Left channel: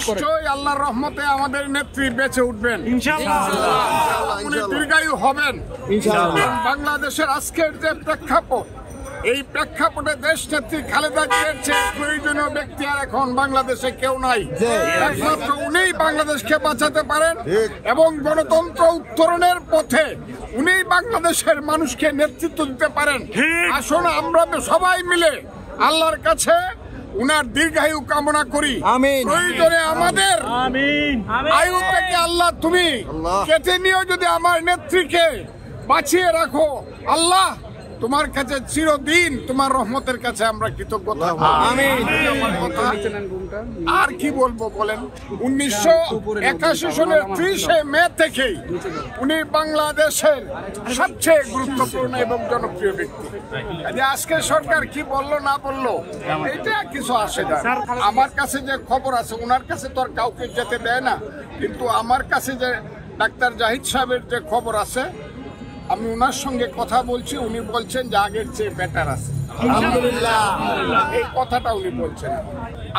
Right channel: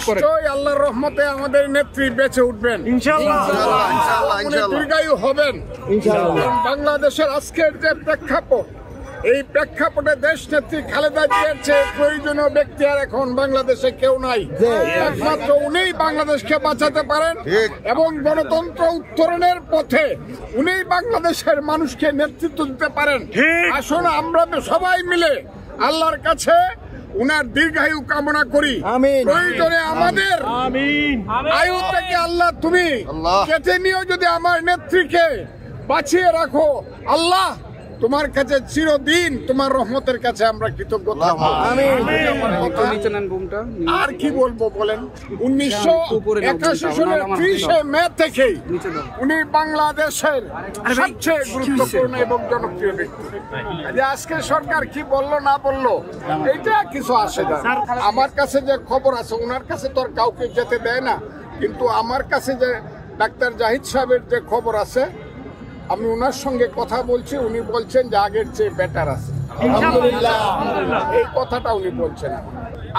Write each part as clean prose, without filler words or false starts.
নিশ্চয়ই আল্লাহর রহমতে আমাদের নেত্রী বেঁচে উঠবেন, উনি দীর্ঘায়ু হবেন ইনশাআল্লাহ। বাংলাদেশের আজকের যে প্রেক্ষাপট, এই প্রেক্ষাপটে দেশ নেত্রী খালেদা জিয়ার চেয়ে প্রয়োজনীয় ব্যক্তি আর এখন বাংলাদেশে কেউ নাই। একমাত্র উনিই বাংলাদেশকে বাঁচাতে পারেন এবং গণতন্ত্র উত্তরণের পথে উনিই বাংলাদেশের মানুষকে নেতৃত্ব দিতে পারেন। আসুন আমরা সবাই মিলে আল্লাহর কাছে উনার দীর্ঘায়ু কামনা করি। প্রয়োজনে আমাদের আয়ু থেকে আল্লাহ তুমি কেটে নিয়েও যদি আমার নেত্রীকে বাঁচিয়ে রাখো, আল্লাহ তোমার কাছে চিরদিন তোমার রহমতের কাছে আমরা কৃতজ্ঞতা। আর কি বলবো বলেন, 1981 সালের 30 মে থেকেই উনি বাংলাদেশের সবচেয়ে গুরুত্বপূর্ণ এবং জনপ্রিয় ব্যক্তি। আজকে সরকার কি বললো না বললো এটা কিছু আসে না। আমার কাছে যে খবর আছে, ওনার কাছে তো আর কাউকে যেতে দেয় না, কিন্তু আমার কাছে যে ডাক্তার জাহিদ সাহেবের যে খবর আছে, আমি ওনার সঙ্গে কথা বলছি, উনি বলছেন যে আগের চেয়ে বেটার আছে, আলহামদুলিল্লাহ। এই কথাটা উনি বলছেন।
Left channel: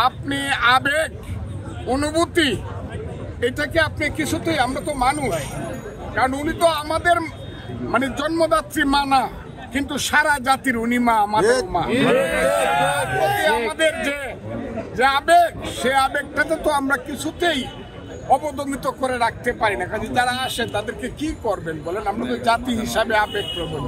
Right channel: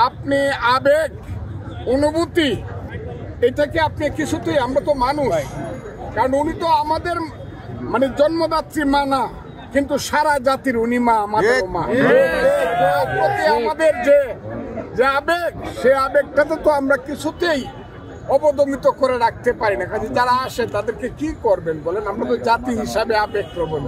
আপনি আবেগ, অনুভূতি, এটাকে আপনি কিছুতেই, আমরা তো মানুষ, কারণ উনি তো আমাদের মানে জন্মদাত্রী মা না, কিন্তু সারা জাতির উনি মা, আমাদের মা। আমাদের যে আবেগ, সে আবেগটাতে তো আমরা কিছুতেই অবদমিত করে রাখতে পারি না। কাজে যারা আসে তাদেরকে কি করবেন বলেন, আমরা তো জাতি হিসাবে আবেগ প্রবণ।